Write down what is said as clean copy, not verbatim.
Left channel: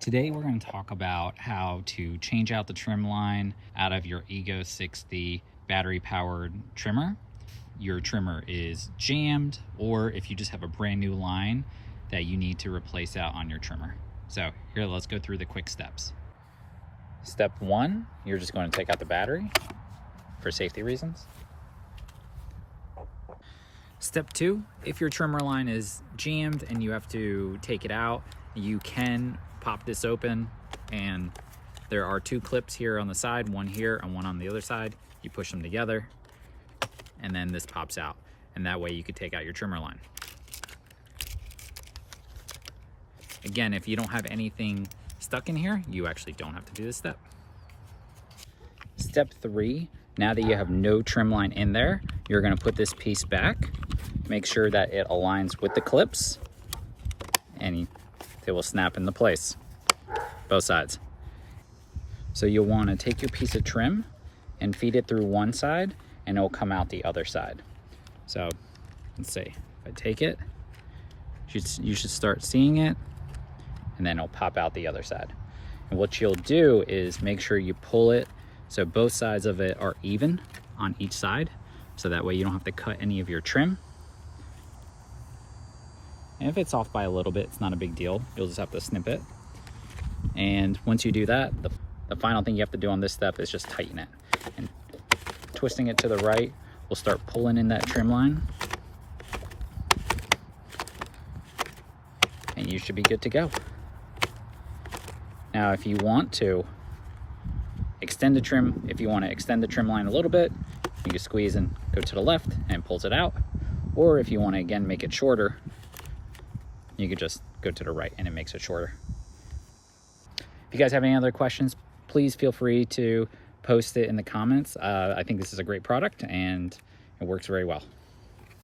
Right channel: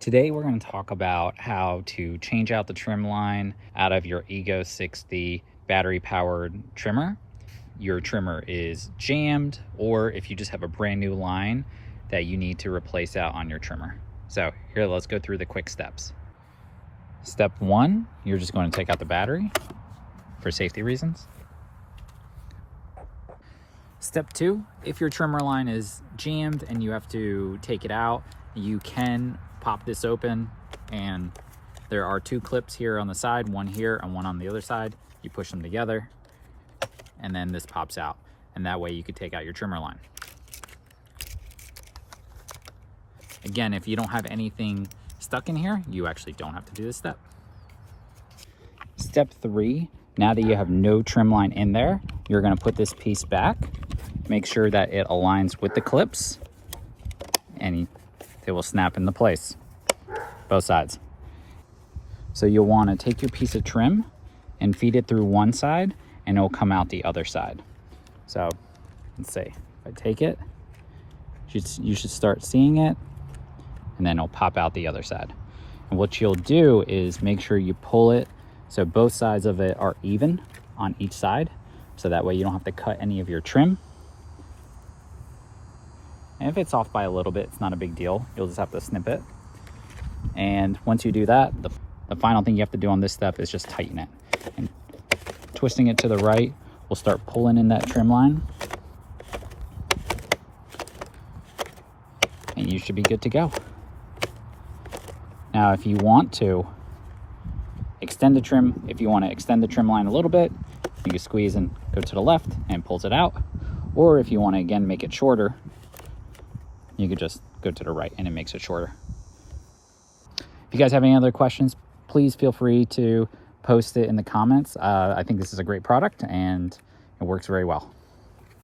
Today we're going to talk about how to change out the trim line out of your Ego 60 battery powered trimmer. Your trimmer is jammed, or if you just have a brand new line that you need to replace out on your trimmer. So here, let's go through the quick steps. Step one, you're just going to take out the battery for safety reasons. Step two, if your trimmer line is jammed and you have to take it out, you can pop this open, and there are two clips here on the side, one here and one on the other side. You push them together and then this pops out, and that way you could take out your trimmer line. Again, if you don't have anything stuck in here, you actually don't have to do this step. Step three, now that you have no trim line in there, you're going to put this piece back, make sure that it aligns with the clips, and it will snap into place, both sides. So you'll want to take your piece of trim and feed it through one side, and it will come out the other side. So let's see, if I take it, you should start seeing it, and then it'll pop out the other side. And what you'll do is make sure you pull it so both sides of it are even on each side, so that way you don't have to cut any of your trim. And if it's off by a little bit, it's not a big deal. You'll just have to snip it. And once you do that, the final thing you have to do on this step is just tighten it. And twisting it to the right, we'll start pulling in that trim line. And you should be good to go. Now, if you want to extend the trim, if you want to extend the trim line a little bit, you can squeeze and go to the left and it pulls it out. Or if you want to, again, make it shorter, you could just go to the right and it makes it shorter. If you guys have any other questions, please feel free to post it in the comments. I think this is a great product and it works very well.